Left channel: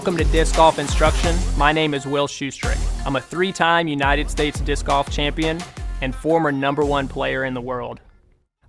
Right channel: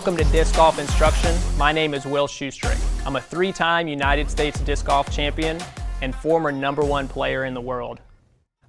Welcome to Disc Golf Instruction. My name is Will Schusterick. I'm a 3-time United States disc golf champion and former #1 player in the world.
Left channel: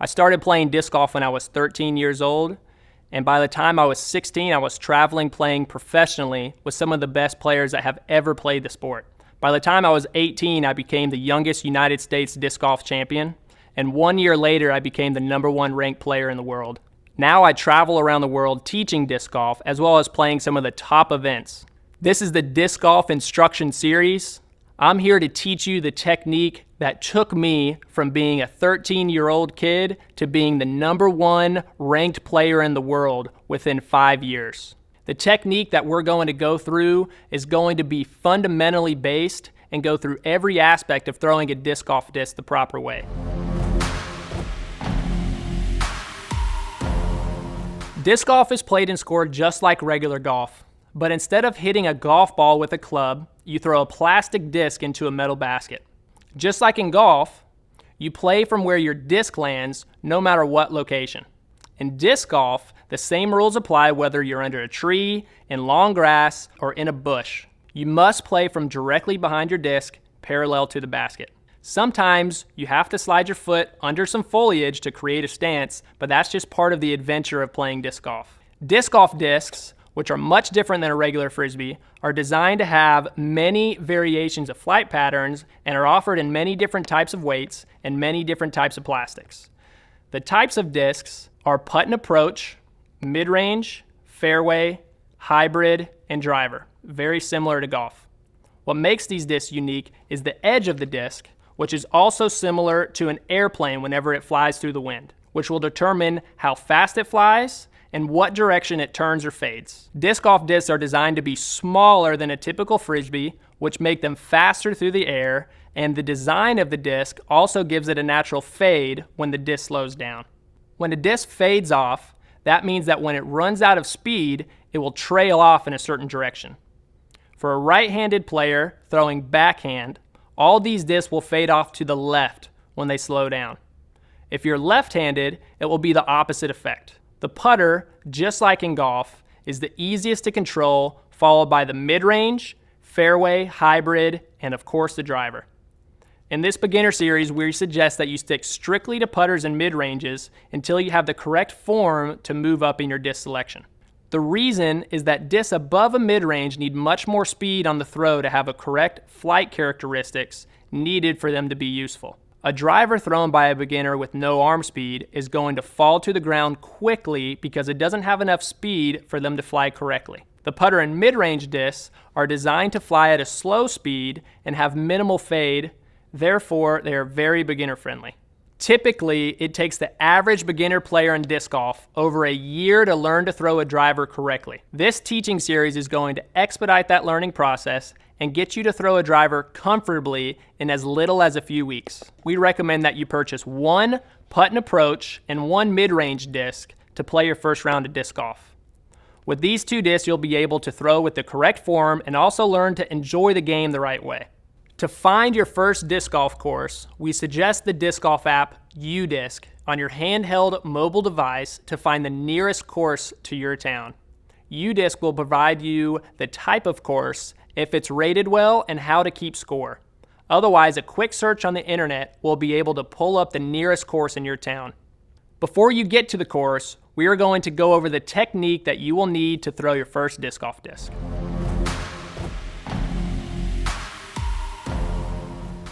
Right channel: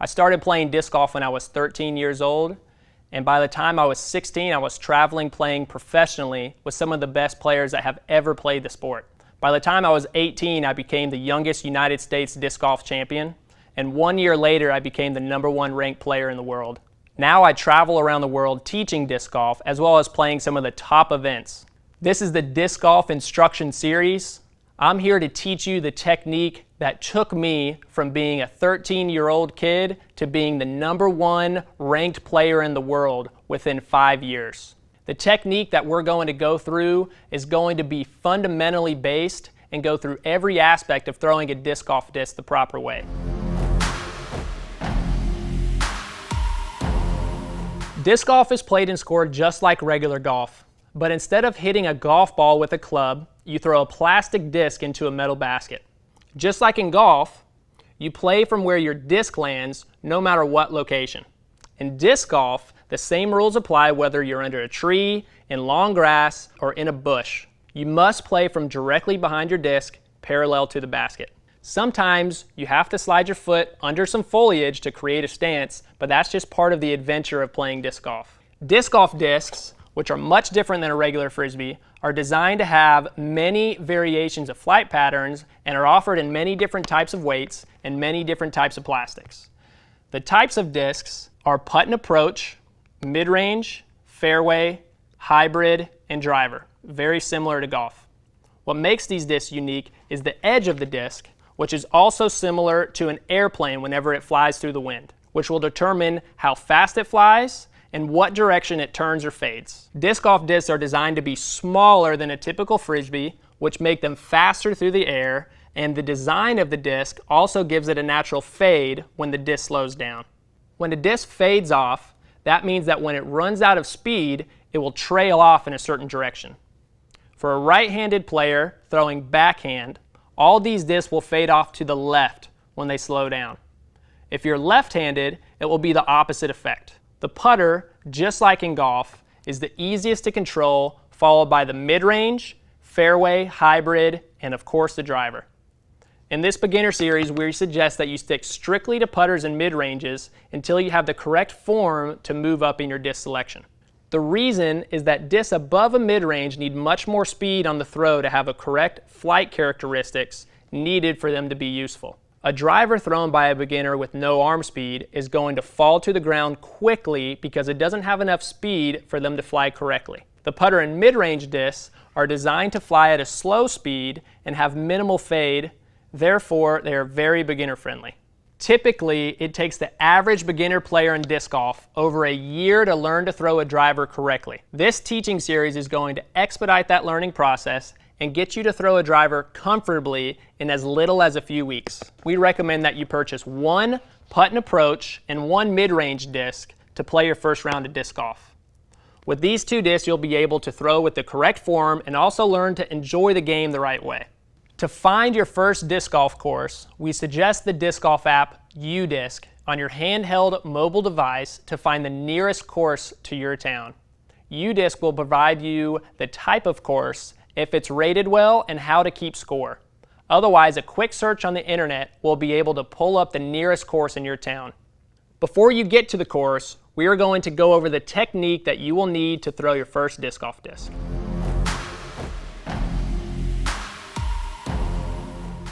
I started playing disc golf when I was 13 years old, and by the time I was 16, I was traveling playing professionally with some of the best players that have ever played the sport. By the time I was 18, I became the youngest United States disc golf champion, and 1 year later, I became the #1 ranked player in the world. Now I travel around the world teaching disc golf as well as playing some of the top events. This is the Disc Golf Instruction Series. I'm here to teach you the technique that took me from being a 13-year-old kid to being the #1 ranked player in the world within 5 years. The technique that we're going to go through is going to be fundamentally based and go through every aspect of throwing a disc golf disc the proper way. Disc golf is played and scored just like regular golf, but instead of hitting a golf ball with a club, you throw a plastic disc into a metal basket. Just like in golf, you play from where your disc lands no matter what location. In disc golf, the same rules apply whether you're under a tree, in long grass, or in a bush. You must play from directly behind your disc, parallel to the basket. Sometimes you have to slide your foot under some foliage to create a stance, but that's just part of the adventure of playing disc golf. Disc golf discs, which are much different than a regular frisbee, are designed to have many variations of flight patterns and are offered in many different types of weights and many different types of plastics. The types of discs are putt and approach, mid-range, fairway, hybrid, and driver, very similar to golf. What makes these discs unique is the edge of the disc, which is also similar to an airplane whenever it flies through the wind, which will determine how fast it flies and what direction it turns or fades. Disc golf discs are designed to be smaller than a typical frisbee, which make them faster through the air, and the design of the disc also gives it a natural fade when the disc slows down. When the disc fades off, that means that when it runs out of speed, it will trail off in a certain direction. For a right-handed player throwing backhand, all these discs will fade off to the left when they slow down. If you're left-handed, it will be the opposite effect. The putter, just like in golf, is the easiest to control, followed by the mid-range, fairway, hybrid, and of course the driver. In this beginner series, we suggest that you stick strictly to putters and mid-ranges until you have the correct form to move up in your disc selection. The reason is that discs above a mid-range need much more speed on the throw to have a correct flight characteristics needed for them to be useful. A driver thrown by a beginner with no arm speed is going to fall to the ground quickly because it doesn't have enough speed for them to fly correctly. The putter and mid-range discs are designed to fly at a slow speed and have minimal fade, therefore they are very beginner friendly. Typically, it takes the average beginner player in disc golf over a year to learn to throw a driver correctly. This teaching series is going to expedite that learning process and get you to throw a driver comfortably in as little as a few weeks. We recommend that you purchase one putt and approach and one mid-range disc to play your first round of disc golf. With these two discs, you'll be able to throw with the correct form and also learn to enjoy the game the right way. To find your first disc golf course, we suggest the disc golf app UDisc on your handheld mobile device to find the nearest course to your town. UDisc will provide you the type of course, if it's rated well, and how to keep score. Otherwise, a quick search on the internet will be able to pull up the nearest course in your town. Before you get to the course, we are going to go over the technique that you will need to throw your first disc golf disc.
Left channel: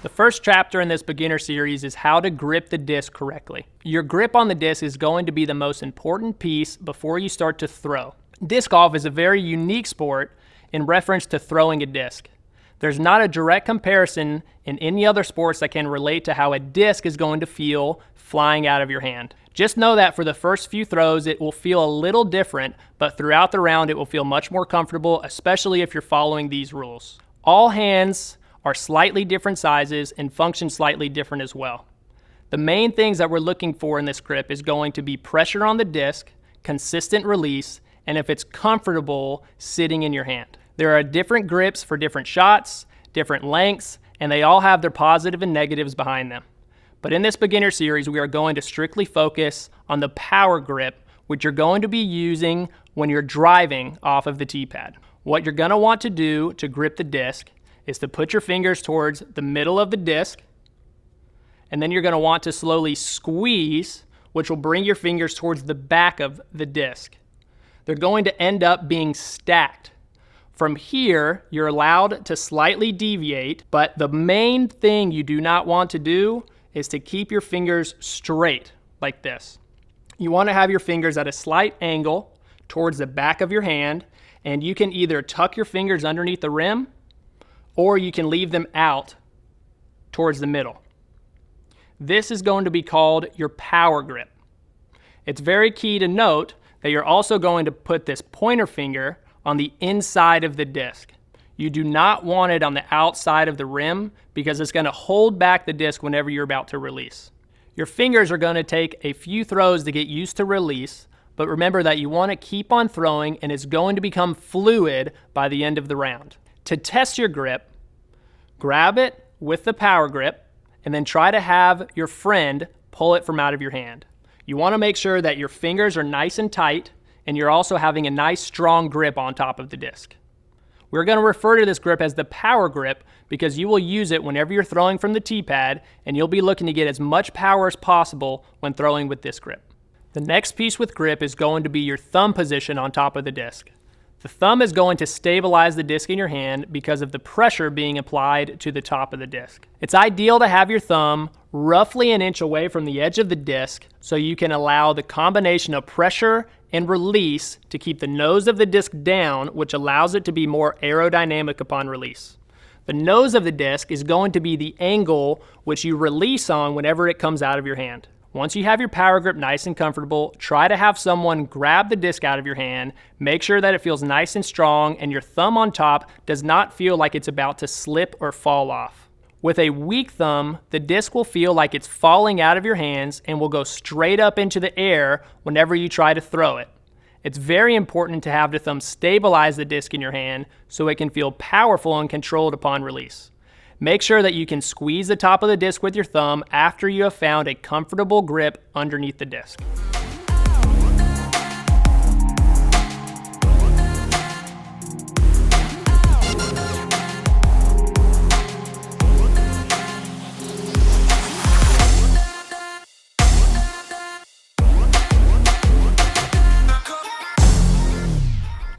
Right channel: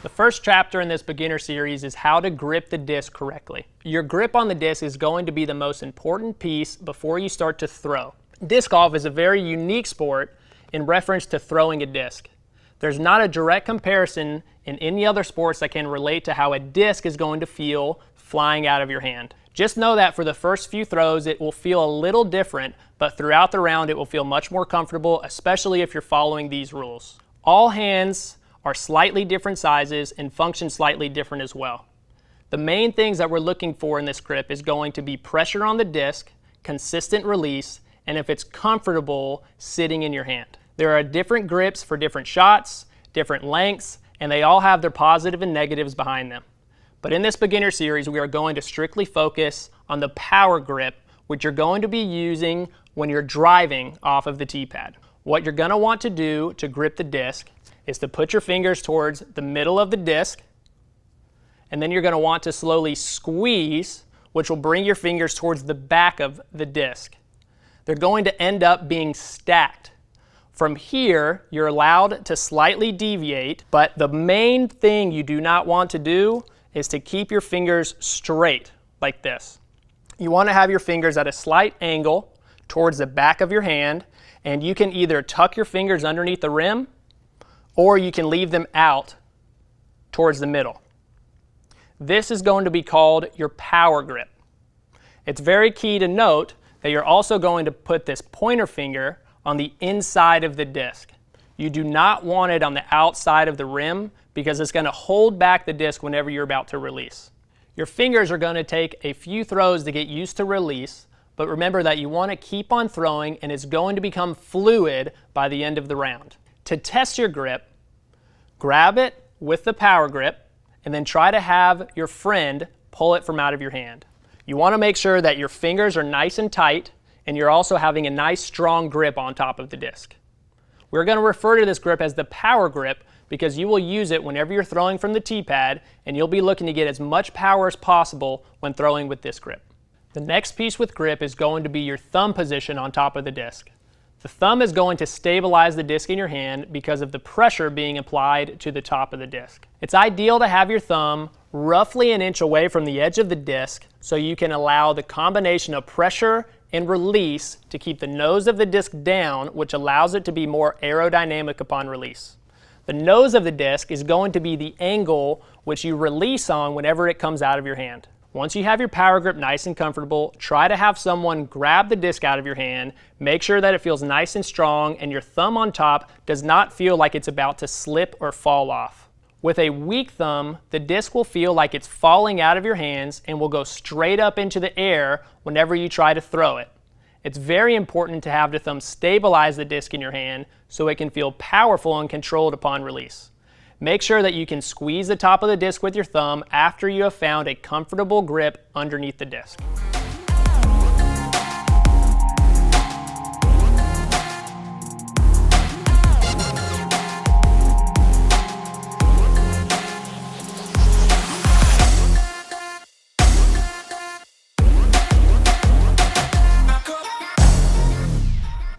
The first chapter in this beginner series is how to grip the disc correctly. Your grip on the disc is going to be the most important piece before you start to throw. Disc golf is a very unique sport in reference to throwing a disc. There's not a direct comparison in any other sports that can relate to how a disc is going to feel flying out of your hand. Just know that for the first few throws, it will feel a little different, but throughout the round, it will feel much more comfortable, especially if you're following these rules. All hands are slightly different sizes and function slightly different as well. The main things that we're looking for in this grip is going to be pressure on the disc, consistent release, and if it's comfortable sitting in your hand. There are different grips for different shots, different lengths, and they all have their positive and negatives behind them. But in this beginner series, we are going to strictly focus on the power grip, which you're going to be using when you're driving off of the tee pad. What you're going to want to do to grip the disc is to put your fingers towards the middle of the disc, and then you're going to want to slowly squeeze, which will bring your fingers towards the back of the disc. They're going to end up being stacked. From here, you're allowed to slightly deviate, but the main thing you do not want to do is to keep your fingers straight like this. You want to have your fingers at a slight angle towards the back of your hand, and you can either tuck your fingers underneath the rim or you can leave them out towards the middle. This is going to be called your power grip. It's very key to note that you're also going to put this pointer finger on the inside of the disc. You do not want it on the outside of the rim because it's going to hold back the disc whenever you're about to release. Your fingers are going to take a few throws to get used to release, but remember that you want to keep on throwing and it's going to become fluid by the end of the round. To test your grip, grab it with the power grip and then try to have your friend pull it from out of your hand. You want to make sure that your fingers are nice and tight and you're also having a nice strong grip on top of the disc. We're going to refer to this grip as the power grip because you will use it whenever you're throwing from the tee pad and you'll be looking to get as much power as possible when throwing with this grip. The next piece with grip is going to be your thumb position on top of the disc. The thumb is going to stabilize the disc in your hand because of the pressure being applied to the top of the disc. It's ideal to have your thumb roughly an inch away from the edge of the disc so you can allow the combination of pressure and release to keep the nose of the disc down, which allows it to be more aerodynamic upon release. The nose of the disc is going to be the angle which you release on whenever it comes out of your hand. Once you have your power grip nice and comfortable, try to have someone grab the disc out of your hand, make sure that it feels nice and strong, and your thumb on top does not feel like it's about to slip or fall off. With a weak thumb, the disc will feel like it's falling out of your hands and will go straight up into the air whenever you try to throw it. It's very important to have the thumb stabilize the disc in your hand so it can feel powerful and controlled upon release. Make sure that you can squeeze the top of the disc with your thumb after you have found a comfortable grip underneath the disc.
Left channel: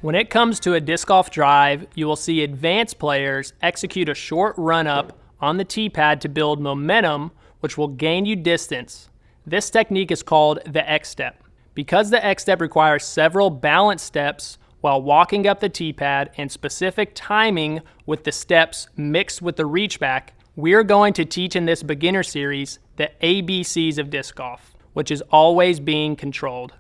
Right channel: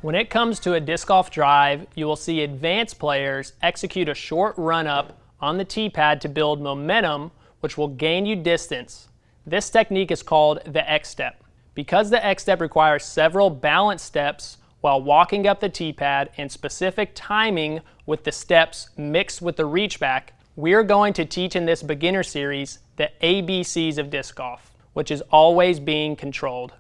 When it comes to a disc golf drive, you will see advanced players execute a short run-up on the tee pad to build momentum, which will gain you distance. This technique is called the X step. Because the X step requires several balance steps while walking up the tee pad and specific timing with the steps mixed with the reach back, we're going to teach in this beginner series the ABCs of disc golf, which is always being controlled.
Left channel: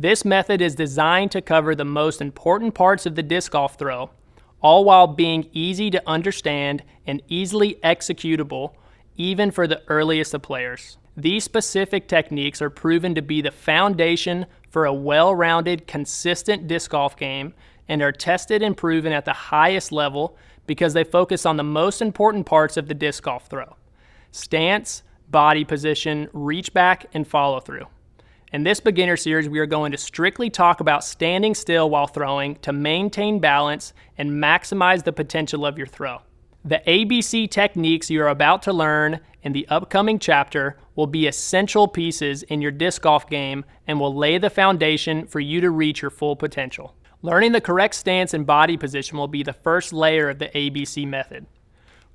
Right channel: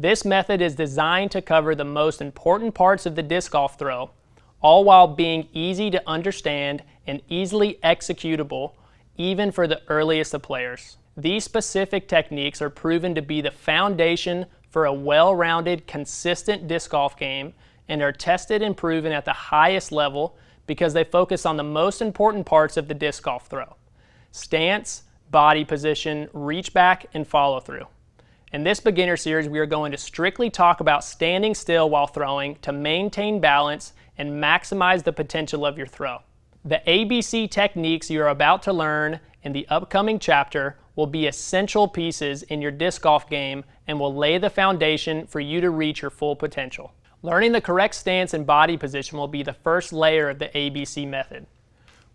This method is designed to cover the most important parts of the disc golf throw, all while being easy to understand and easily executable, even for the earliest of players. These specific techniques are proven to be the foundation for a well-rounded, consistent disc golf game and are tested and proven at the highest level because they focus on the most important parts of the disc golf throw: stance, body position, reach back, and follow through. In this beginner series, we are going to strictly talk about standing still while throwing to maintain balance and maximize the potential of your throw. The ABC techniques you are about to learn in the upcoming chapter will be essential pieces in your disc golf game and will lay the foundation for you to reach your full potential. Learning the correct stance and body position will be the first layer of the ABC method.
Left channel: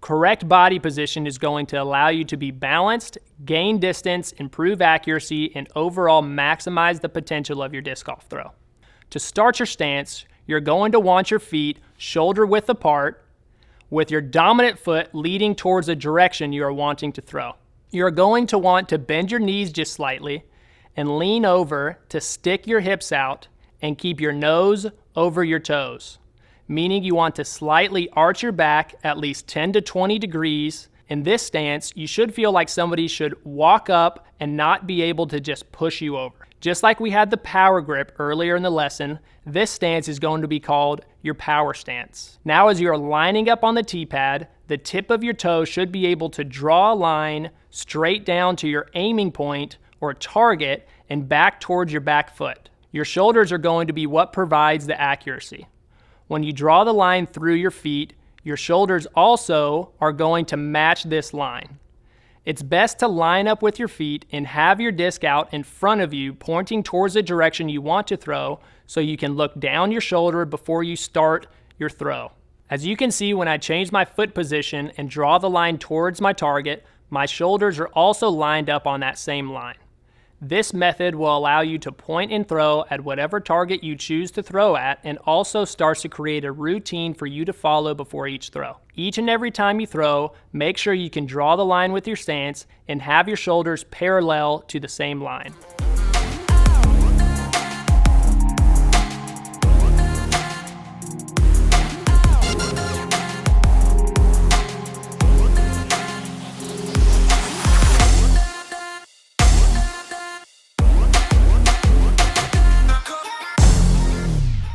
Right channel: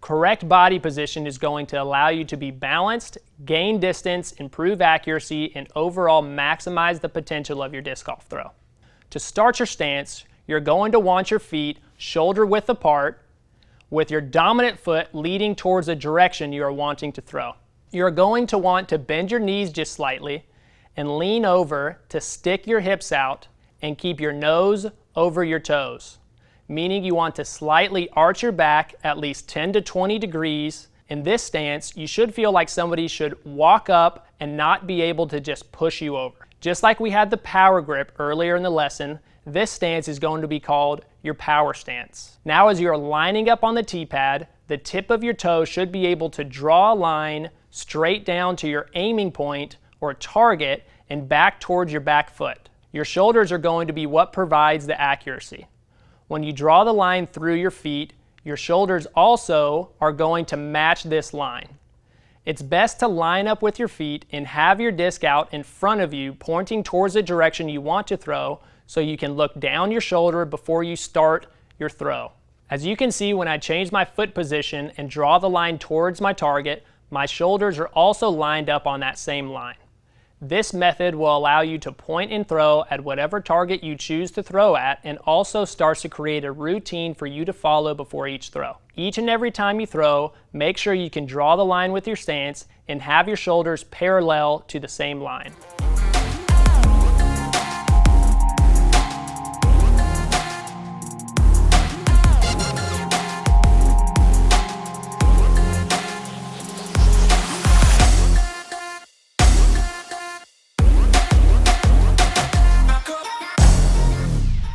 Correct body position is going to allow you to be balanced, gain distance, improve accuracy, and overall maximize the potential of your disc golf throw. To start your stance, you're going to want your feet shoulder width apart, with your dominant foot leading towards the direction you are wanting to throw. You're going to want to bend your knees just slightly and lean over to stick your hips out and keep your nose over your toes, meaning you want to slightly arch your back at least 10 to 20 degrees. In this stance, you should feel like somebody should walk up and not be able to just push you over. Just like we had the power grip earlier in the lesson, this stance is going to be called your power stance. Now as you're lining up on the tee pad, the tip of your toe should be able to draw a line straight down to your aiming point or target and back towards your back foot. Your shoulders are going to be what provides the accuracy. When you draw the line through your feet, your shoulders also are going to match this line. It's best to line up with your feet and have your disc out in front of you, pointing towards the direction you want to throw, so you can look down your shoulder before you start your throw. As you can see, when I change my foot position and draw the line towards my target, my shoulders are also lined up on that same line. This method will allow you to point and throw at whatever target you choose to throw at, and also starts to create a routine for you to follow before each throw. Each and every time you throw, make sure you can draw the line with your stance and have your shoulders parallel to the same line.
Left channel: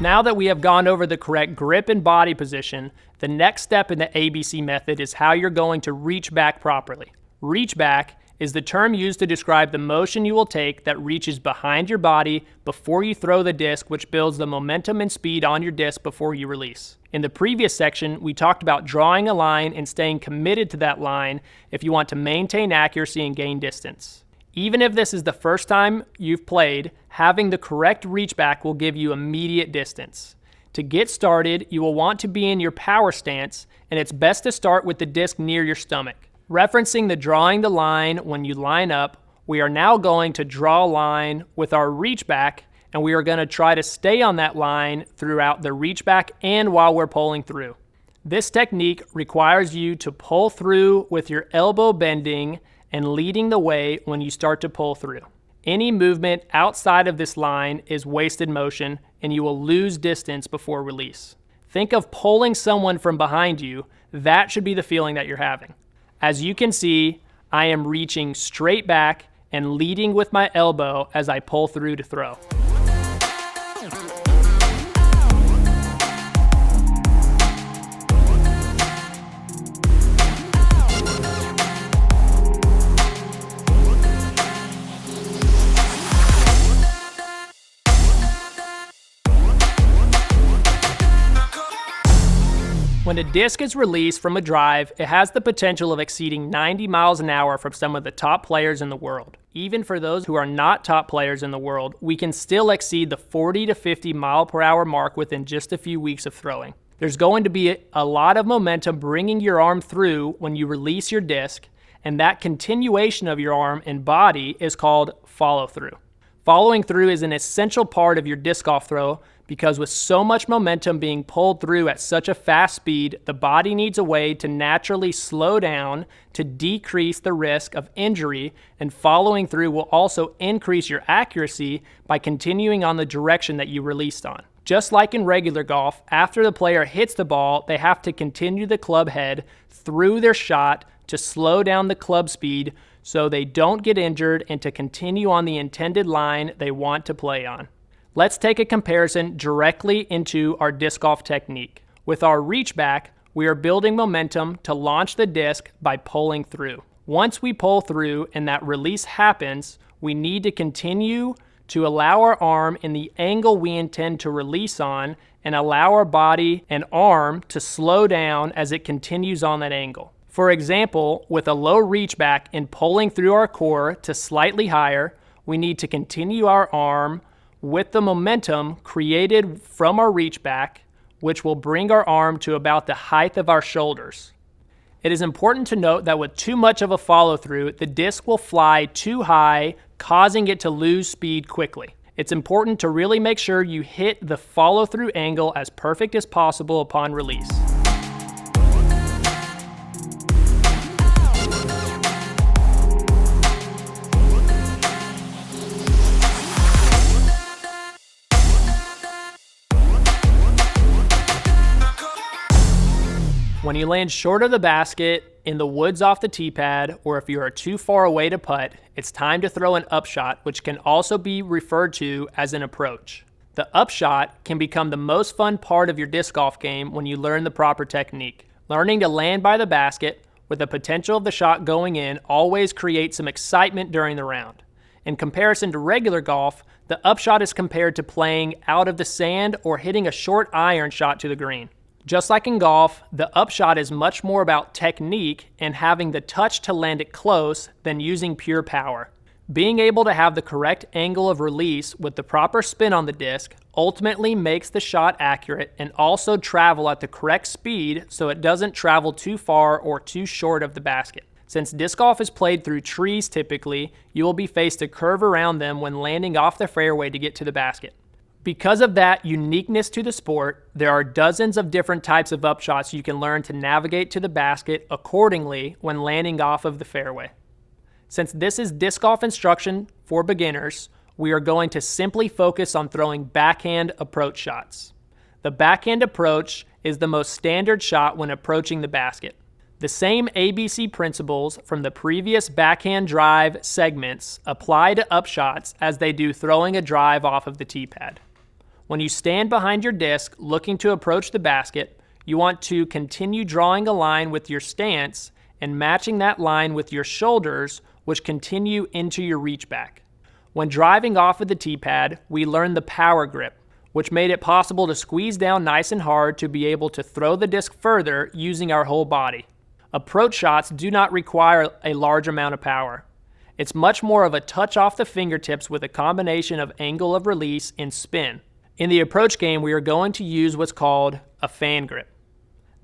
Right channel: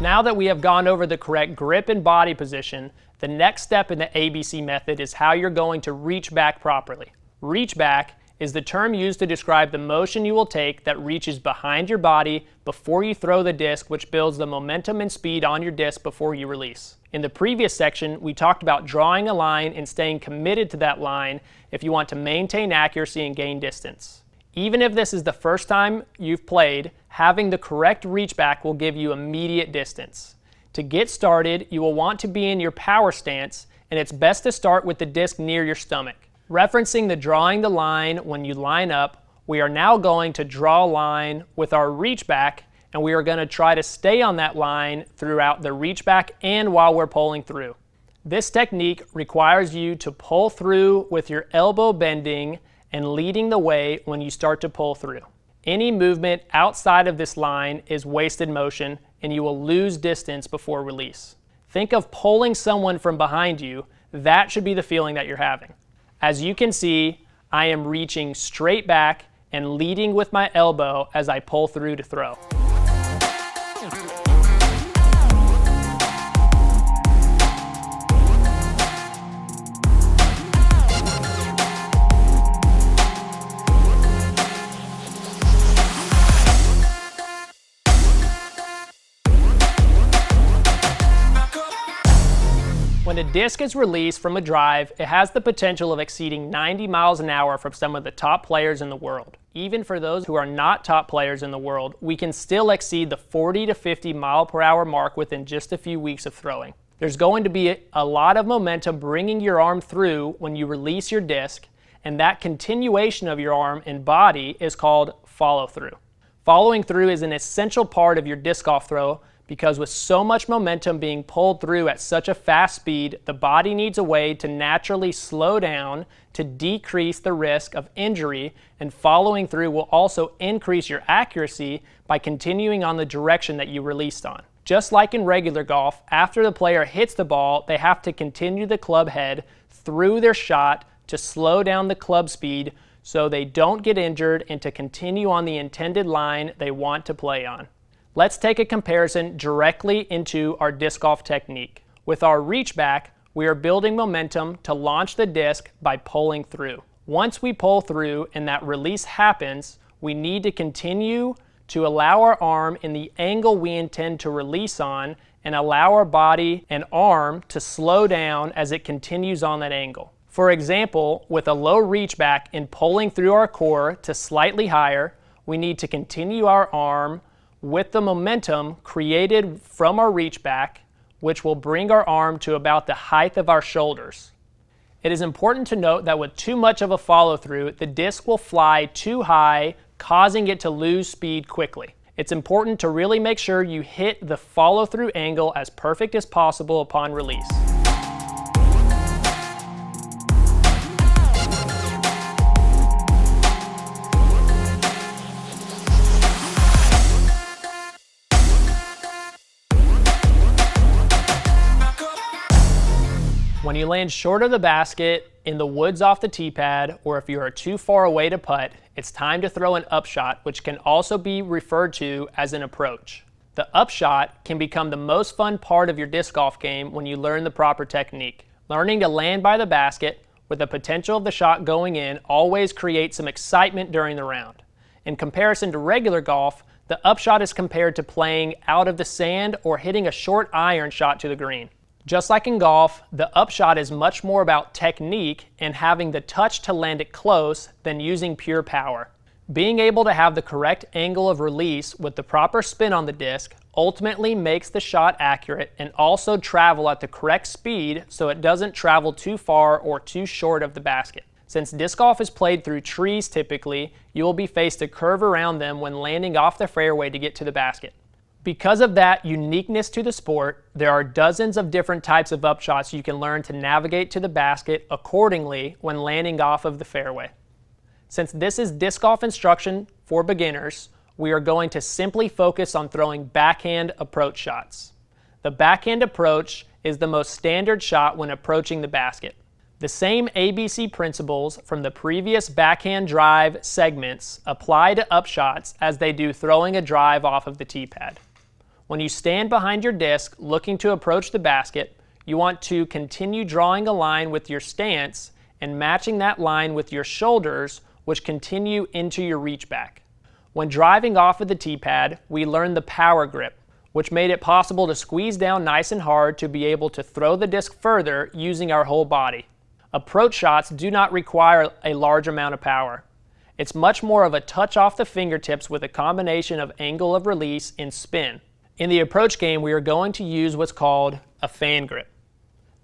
Now that we have gone over the correct grip and body position, the next step in the ABC method is how you're going to reach back properly. Reach back is the term used to describe the motion you will take that reaches behind your body before you throw the disc, which builds the momentum and speed on your disc before you release. In the previous section, we talked about drawing a line and staying committed to that line if you want to maintain accuracy and gain distance. Even if this is the first time you've played, having the correct reach back will give you immediate distance. To get started, you will want to be in your power stance, and it's best to start with the disc near your stomach. Referencing the drawing the line when you line up, we are now going to draw a line with our reach back, and we are going to try to stay on that line throughout the reach back and while we're pulling through. This technique requires you to pull through with your elbow bending and leading the way when you start to pull through. Any movement outside of this line is wasted motion, and you will lose distance before release. Think of pulling someone from behind you. That should be the feeling that you're having. As you can see, I am reaching straight back and leading with my elbow as I pull through to throw. When a disc is released from a drive, it has the potential of exceeding 90 miles an hour from some of the top players in the world. Even for those who are not top players in the world, we can still exceed the 40 to 50 mile per hour mark within just a few weeks of throwing. There's going to be a lot of momentum bringing your arm through when you release your disc, and that continuation of your arm and body is called follow through. Following through is an essential part of your disc golf throw, because with so much momentum being pulled through at such a fast speed, the body needs a way to naturally slow down to decrease the risk of injury, and following through will also increase your accuracy by continuing on the direction that you released on. Just like in regular golf, after the player hits the ball, they have to continue the club head through their shot to slow down the club speed so they don't get injured and to continue on the intended line they want to play on. Let's take a comparison directly into our disc golf technique. With our reach back, we are building momentum to launch the disc by pulling through. Once we pull through and that release happens, we need to continue to allow our arm in the angle we intend to release on, and allow our body and arm to slow down as it continues on that angle. For example, with a low reach back and pulling through our core to slightly higher, we need to continue our arm with the momentum created from our reach back, which will bring our arm to about the height of our shoulders. It is important to note that with too much of a follow through, the disc will fly too high, causing it to lose speed quickly. It's important to really make sure you hit the follow through angle as perfect as possible upon release. When you land short of the basket, in the woods off the tee pad, or if you are too far away to putt, it's time to throw an upshot, which can also be referred to as an approach. The upshot can become the most fun part of your disc golf game when you learn the proper technique. Learning to land by the basket with the potential of the shot going in always creates some excitement during the round. In comparison to regular golf, the Upshot is compared to playing out of the sand or hitting a short iron shot to the green. Just like in golf, the Upshot is much more about technique and having the touch to land it close than using pure power. Being able to have the correct angle of release with the proper spin on the disc ultimately makes the shot accurate and also travel at the correct speed so it doesn't travel too far or too short of the basket. Since disc golf is played through trees typically, you will be faced to curve around them when landing off the fairway to get to the basket. Because of that uniqueness to the sport, there are dozens of different types of upshots you can learn to navigate to the basket accordingly when landing off of the fairway. Since this is disc golf instruction for beginners, we are going to simply focus on throwing backhand approach shots. The backhand approach is the most standard shot when approaching the basket. The same ABC principles from the previous backhand drive segments apply to upshots as they do throwing a drive off of the tee pad. When you stand behind your disc looking to approach the basket, you want to continue drawing a line with your stance and matching that line with your shoulders, which continue into your reach back. When driving off of the tee pad, we learned the power grip, which made it possible to squeeze down nice and hard to be able to throw the disc further using our whole body. Approach shots do not require a large amount of power. It's much more of a touch off the fingertips with a combination of angle of release and spin. In the approach game, we are going to use what's called a fan grip.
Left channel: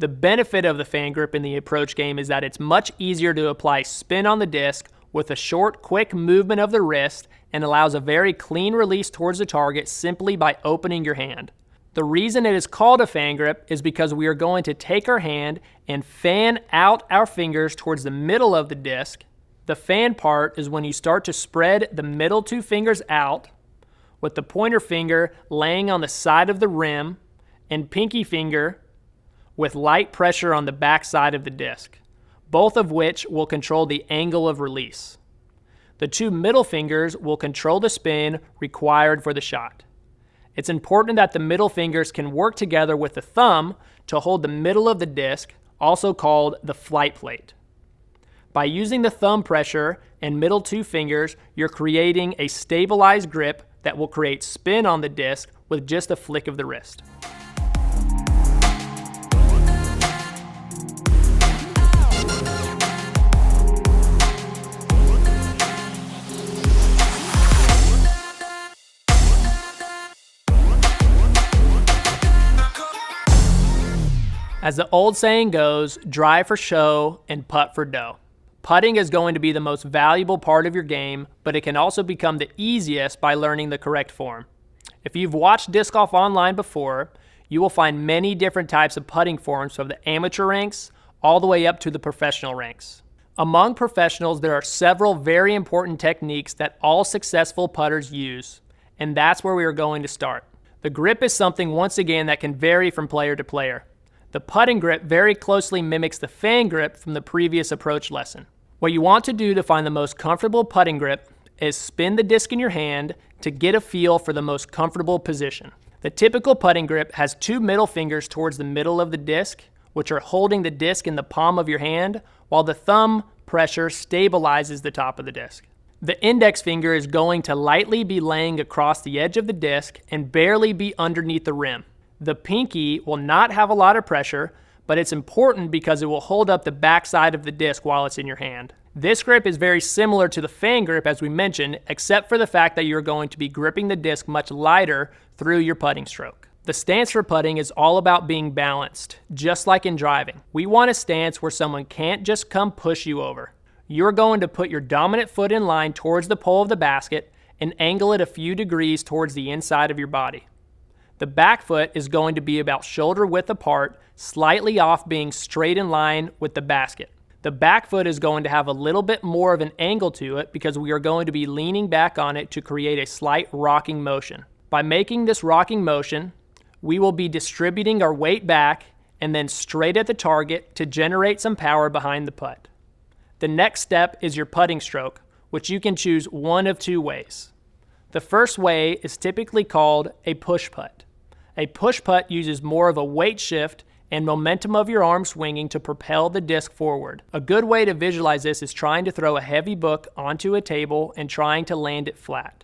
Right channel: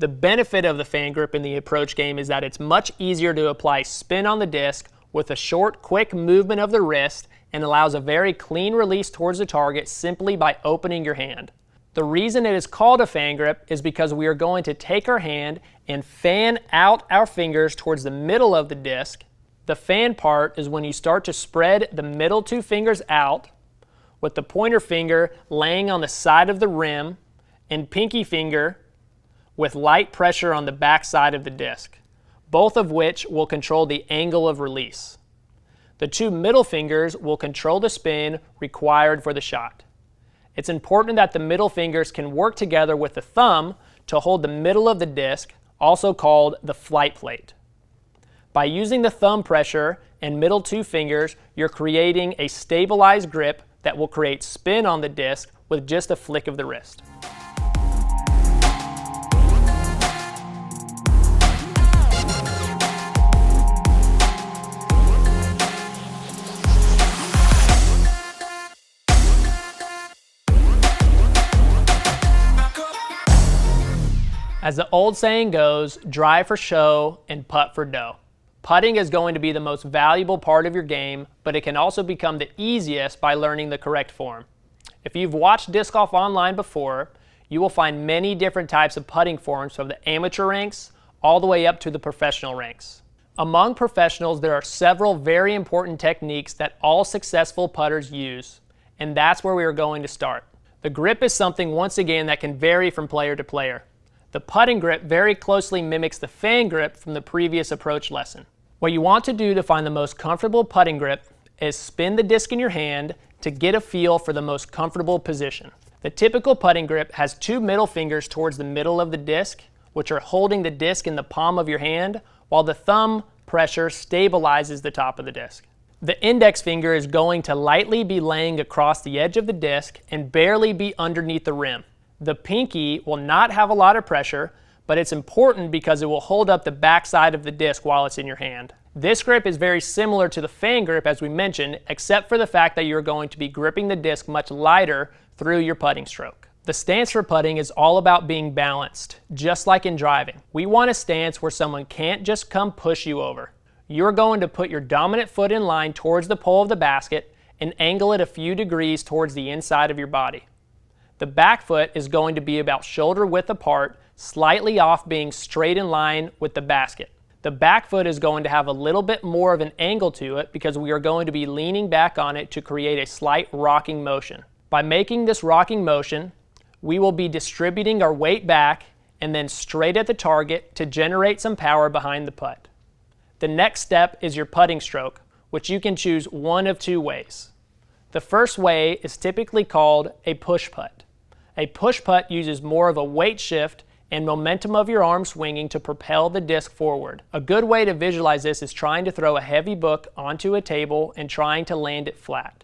The benefit of the fan grip in the approach game is that it's much easier to apply spin on the disc with a short, quick movement of the wrist and allows a very clean release towards the target simply by opening your hand. The reason it is called a fan grip is because we are going to take our hand and fan out our fingers towards the middle of the disc. The fan part is when you start to spread the middle two fingers out, with the pointer finger laying on the side of the rim and pinky finger with light pressure on the back side of the disc, both of which will control the angle of release. The two middle fingers will control the spin required for the shot. It's important that the middle fingers can work together with the thumb to hold the middle of the disc, also called the flight plate. By using the thumb pressure and middle two fingers, you're creating a stabilized grip that will create spin on the disc with just a flick of the wrist. As the old saying goes, drive for show and putt for dough. Putting is going to be the most valuable part of your game, but it can also become the easiest by learning the correct form. If you've watched disc golf online before, you will find many different types of putting forms from the amateur ranks all the way up to the professional ranks. Among professionals, there are several very important techniques that all successful putters use, and that's where we are going to start. The grip is something, once again, that can vary from player to player. The putting grip very closely mimics the fan grip from the previous approach lesson. What you want to do to find the most comfortable putting grip is spin the disc in your hand to get a feel for the most comfortable position. The typical putting grip has two middle fingers towards the middle of the disc, which are holding the disc in the palm of your hand, while the thumb pressure stabilizes the top of the disc. The index finger is going to lightly be laying across the edge of the disc and barely be underneath the rim. The pinky will not have a lot of pressure, but it's important because it will hold up the back side of the disc while it's in your hand. This grip is very similar to the fan grip as we mentioned, except for the fact that you're going to be gripping the disc much lighter through your putting stroke. The stance for putting is all about being balanced, just like in driving. We want a stance where someone can't just come push you over. You're going to put your dominant foot in line towards the pole of the basket and angle it a few degrees towards the inside of your body. The back foot is going to be about shoulder width apart, slightly off being straight in line with the basket. The back foot is going to have a little bit more of an angle to it because we are going to be leaning back on it to create a slight rocking motion. By making this rocking motion, we will be distributing our weight back and then straight at the target to generate some power behind the putt. The next step is your putting stroke, which you can choose one of two ways. The first way is typically called a push putt. A push putt uses more of a weight shift and momentum of your arm swinging to propel the disc forward. A good way to visualize this is trying to throw a heavy book onto a table and trying to land it flat.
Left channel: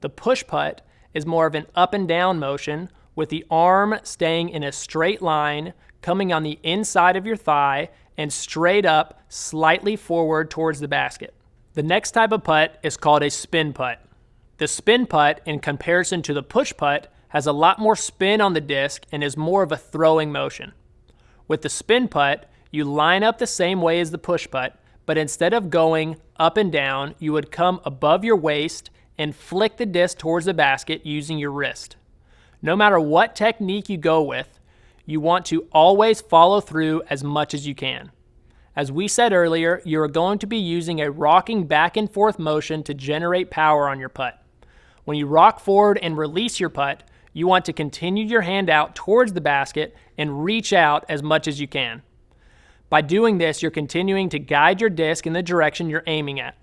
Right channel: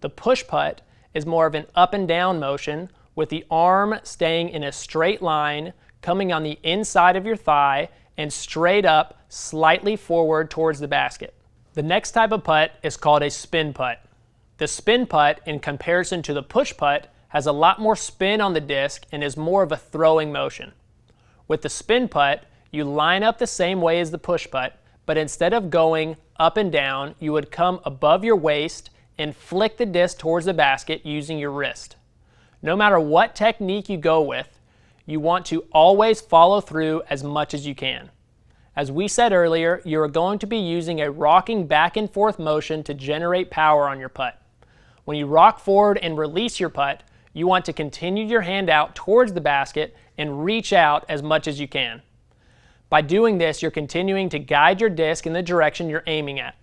The push putt is more of an up and down motion with the arm staying in a straight line, coming on the inside of your thigh and straight up, slightly forward towards the basket. The next type of putt is called a spin putt. The spin putt, in comparison to the push putt, has a lot more spin on the disc and is more of a throwing motion. With the spin putt, you line up the same way as the push putt, but instead of going up and down, you would come above your waist and flick the disc towards the basket using your wrist. No matter what technique you go with, you want to always follow through as much as you can. As we said earlier, you are going to be using a rocking back and forth motion to generate power on your putt. When you rock forward and release your putt, you want to continue your hand out towards the basket and reach out as much as you can. By doing this, you're continuing to guide your disc in the direction you're aiming at.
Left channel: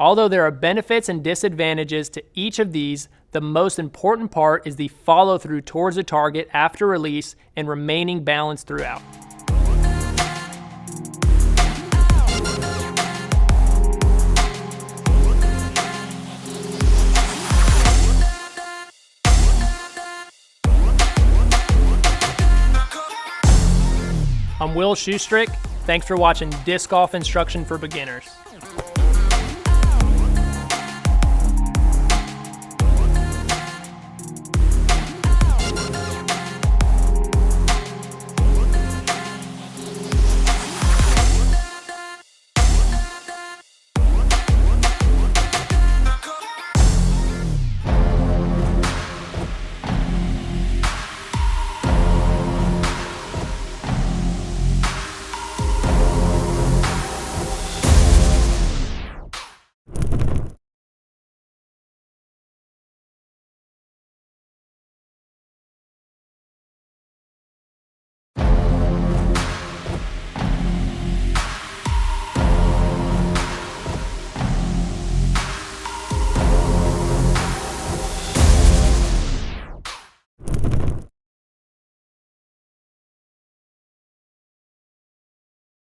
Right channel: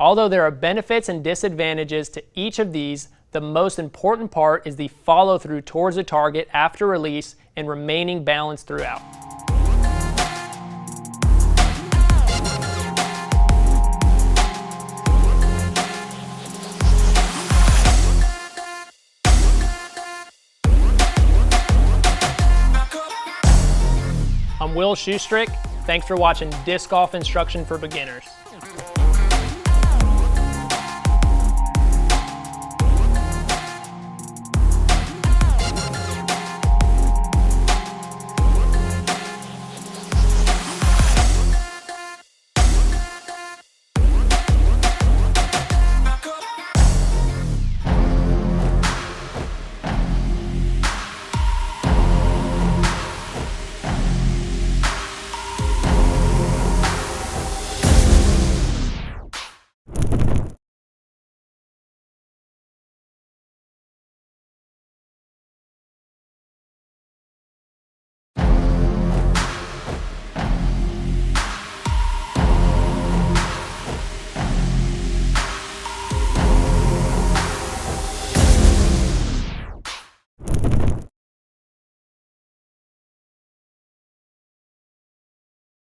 Although there are benefits and disadvantages to each of these, the most important part is the follow-through towards the target after release and remaining balanced throughout. I'm Will Schusterick. Thanks for watching Disc Golf Instruction for Beginners.